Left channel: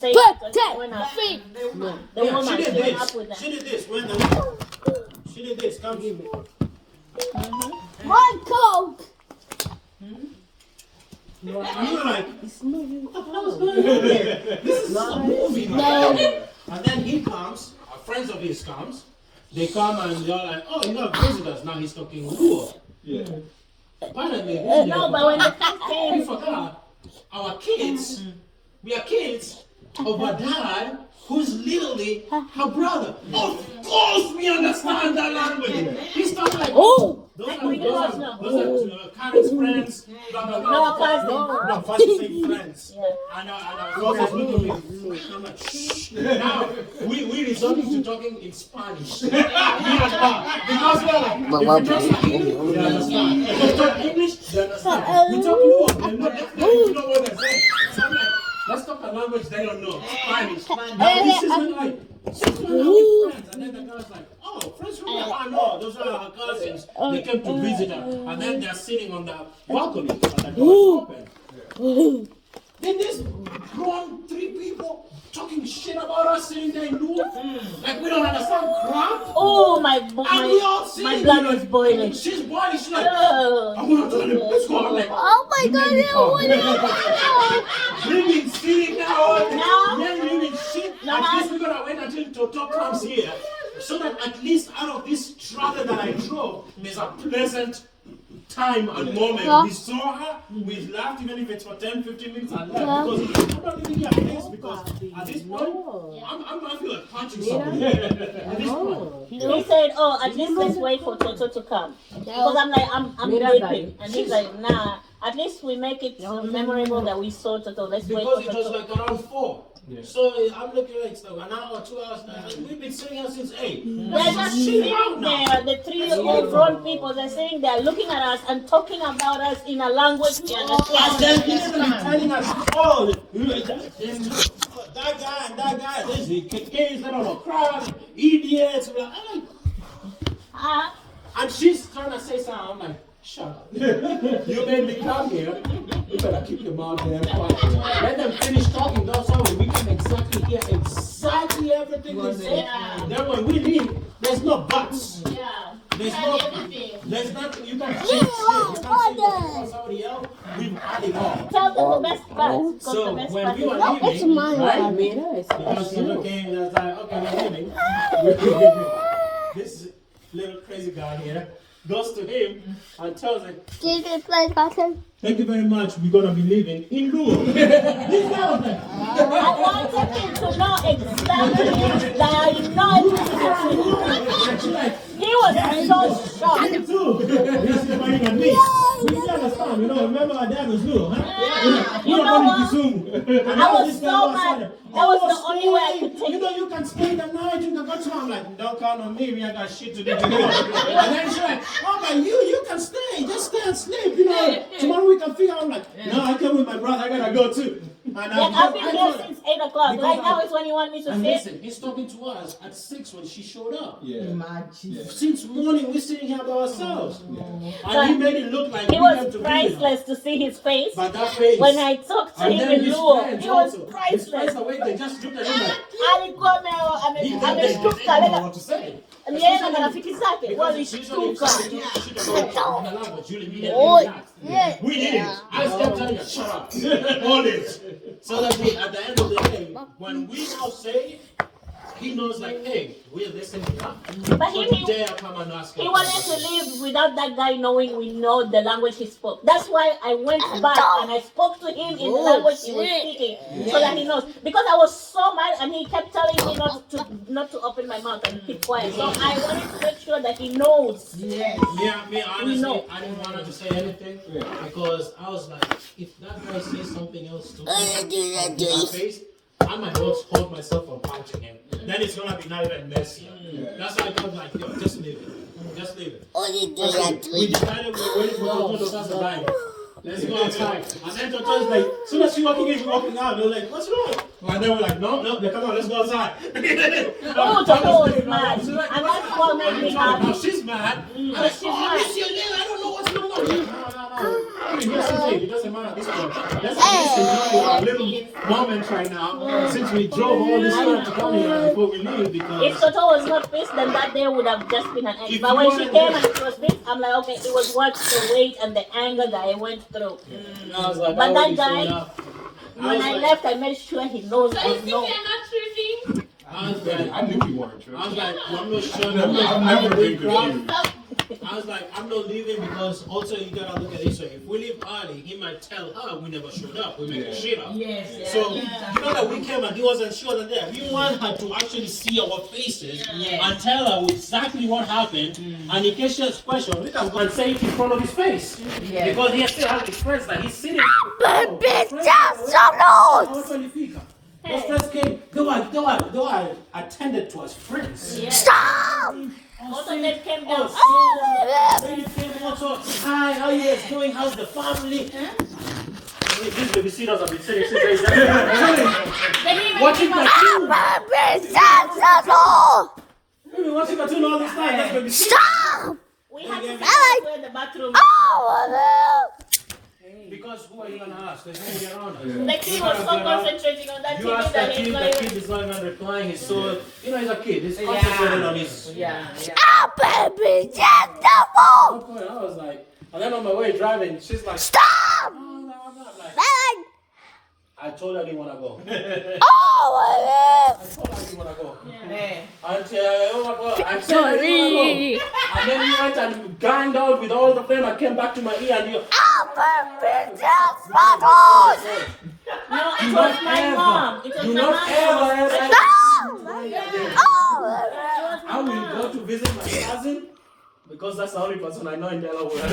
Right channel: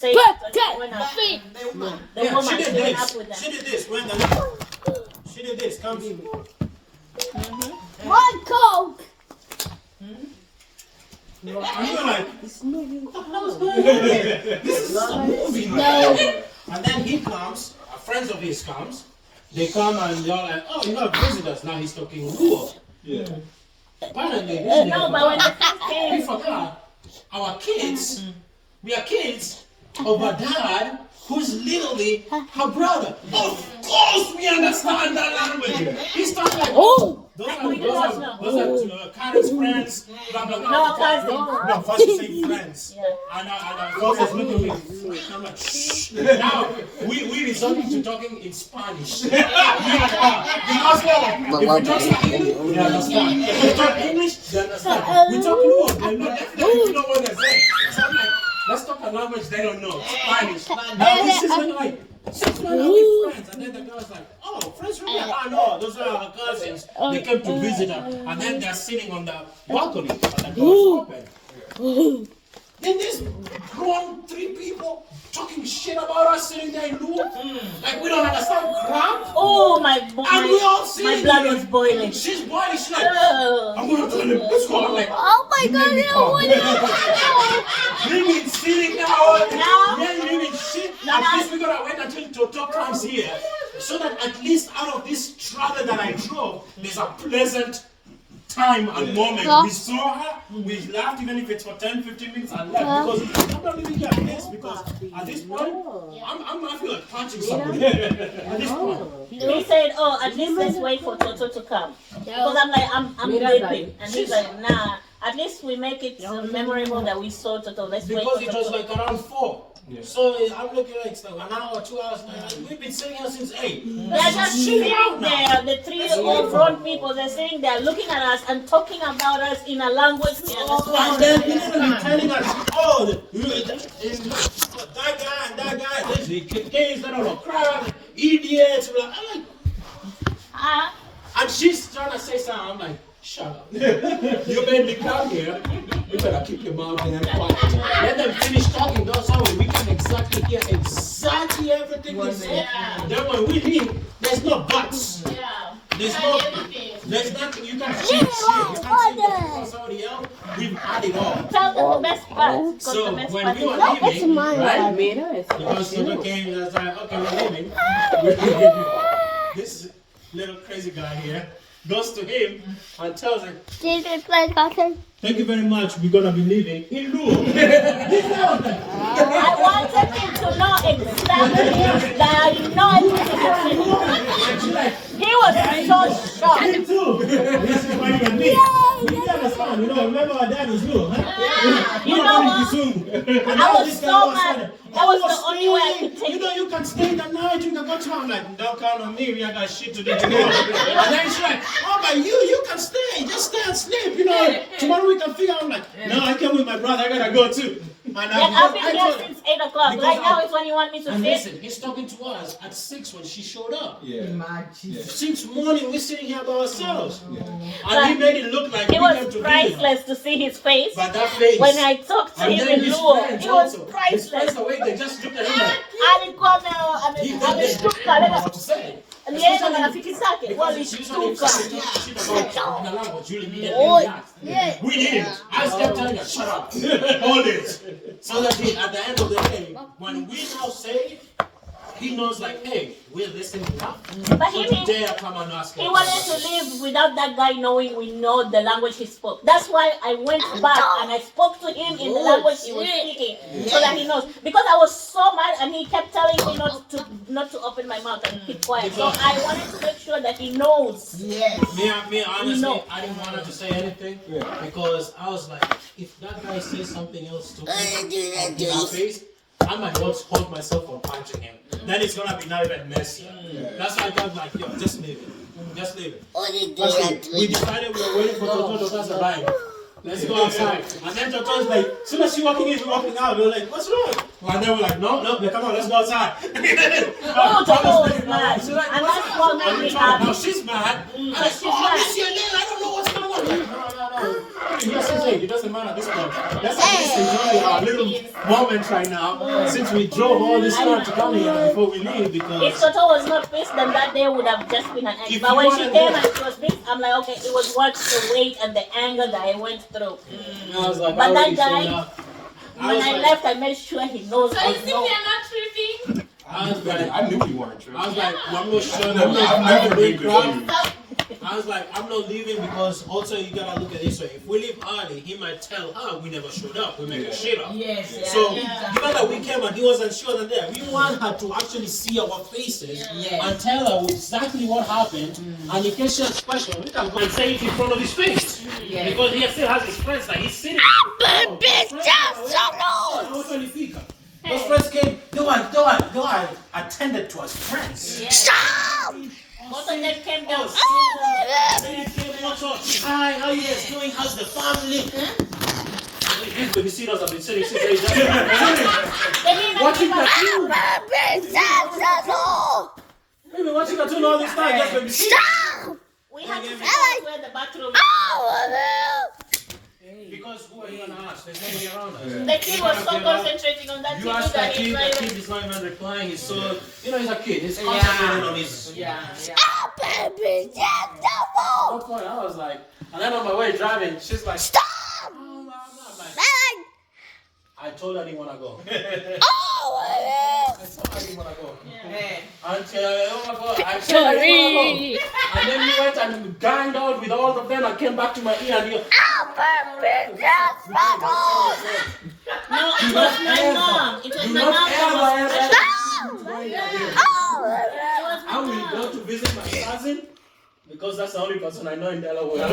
say when I the Yeah, woman she did went up this. with them. She did this. When she did this. Come here. One Coke. And you're like, this movie, what the hell is going on here? This is a movie. No. And then he comes, friends of his comes, they come and they're like, oh, you have visitors. Now he's talking Luo. Yeah. Apparently, No, but when the first we came, forgot our kids, we are kids of a dad who's literally her brother. Of course we understand that language. He's talking like, Oh. those are Karen's friends, blah, blah, blah. no cousin. No, first you say friends. Yeah. And Ross is looking at me. I'm like, shh. Now, we resorted to talking in Spanish. Me and her. Because we're like, if we talk English, they understand. If we talk English, they understand. We talk Luo, they know definitely know what they're saying. So I'm like, let's talk a language they don't know, Spanish. Now this is like, since when are we friends? And then the girl's like, oh, friends from here? Oh no, those are our cousins. They came to visit her. And then they're sitting on the balcony and the door's open. Then there's grown three people talking shit about us sitting there in Luo. Like we don't understand crap. Oh, And we all my sitting blood there. was boiling. She's boiling. She's like, Oh. I'm gonna tell him, let's go. I'm like, Oh my God. we've been sitting now. No. Yeah, we've been shit. At least we're gonna wait until Toto comes here. So that at least out of this travel that I drove, there's a pleasant time and moment. We saw her, we laughed even if it's for 10, 15 minutes and left. Because I'm not leaving your place because at this point, I feel like punching somebody. At this point. He said, oh, at least let's wait for Toto to come. Because I'm like, I'm sleeping. And he's like, nah, at least we make it memorable that we saw Toto. Let's wait Because for it was Toto. like around 4. Yeah. So I'm looking like an hour, 2 hours now. We've been sitting here since 8. They're just sitting there, the three old grown people, they're sitting there looking at us and talking about us in a language we And understand. then literally telling us, oh, that guy and that guy, there's the kids that are crap, idiots. I'm like, and she's trying to say something. I'm like, shut up. You made me come here. You better keep your mouth damn quiet. Let them finish talking. That's how we can exactly hear exactly everything they say. Then when we leave, there's no buts. There's nothing you can change shit. You can't say somebody else. We've had it all. Tell them the best part. Because So the best when part we were is leaving, right? Because Silver came and I was like, okay, we're leaving. This little crazy guy here goes to him and tells him, thank you very much, we're gonna be leaving in Luo. I wanted him to know exactly that I know everything you're saying. He was so shocked. Me too. This is why you and me. You understand, remember our dad was Luo, huh? You know what? I was so mad. That was the only way I could take it. You can stay the night, you can go to I'm like, don't count on me, we got that shit to do tomorrow. And then she's like, oh my, you can stay, just stay and sleep, tomorrow we can figure out. I'm like, no, I came with my brother, I gotta go too. And I've been here since 8 o'clock. Right now is when you want me to and sit. listen, he's talking to us at 6 when she showed up. Since morning, we're sitting here by ourselves. And he made it look like It was priceless to see his face. But that face. When I talked to And him then in his Luo, friends it was also. His priceless. friends away, they just looked at him like, Alikuwa he didn't know ameshtuka. what to say. Yeye na marafiki zake walishtuka. We didn't. I kept telling her, shut up. Hold it. So that at the end of the day, when we now say, he knows like, hey, we're listening to that. But So today I come and ask him. he wanted to leave without that guy knowing we know the language he spoke. That's why I went back and I spoke to him in the language he was speaking, so that he knows. Because I was so mad and he kept telling me not to open my mouth and keep quiet. So I wanted to make sure that he knows. Me, honestly, I didn't want him to say anything because I was like, if that guy says something else to me in my face, I might hold myself from punching him. Then it's gonna be not even messier. That's why I was like, yo, just leave it. Just leave it. We decided we were waiting for Toto to pass the line. Let's go outside. And then Toto's like, as soon as she's walking in, she's walking out. They're like, what's wrong? And then we're like, no, come on, let's go outside. Oh, Toto was mad. And that's what made me happy. No, she's mad. But she's mad. I don't know what's going on. No. Yes, it doesn't matter at this point. Let's at least enjoy our little moment right now, since we drove all this far to come here before we leave. If Because Toto was not pissed, then that day would have just been an egg. If But you when she wanted came to- and she was pissed, I'm like, okay, it was worth the wait and the anger that I went through. I was like, But I that already guy, showed up. When I left, I made sure he knows So I you think know. they're not tripping? I was like, I knew you weren't tripping. I was like, well, I'm not sure I've that never been crowd. confused. I was like, I'm not leaving because also you gotta look at this way. If we leave early, he might tell her we never showed up. We made shit up. Yes. So given that we came and he wasn't sure that there, we want her to actually see our faces and tell her exactly what happened. And in case she has questions, we can go and say it in front of his face. Because he still has his friends that he's sitting. Those friends came, they were attended to as friends. Most of them came down. They came also, hi, how you guys doing? How's the family? These babysitters have been sitting since they They didn't even watching give us cartoon. They've been watching cartoon all this time. Just babysitting. We had to figure out where the bathroom Because who are you gonna ask? There's nobody around us. The kid was so concentrating on that You TV ask that that he's kid, not the even. kid is not even replying. He's so, he's a kid. He's concentrating on his. No point. I was like, and then on my way driving, she's like, I'm like, I told her I didn't want to go. I told her I didn't want to go. Until, oh my God, I said I didn't want to go. And then he went and ganged out with all of them and came back to my ear and he goes, No, it was my mom. It was do my not mom. ever. I will go to visit my cousin because that's the only person I know in Delaware.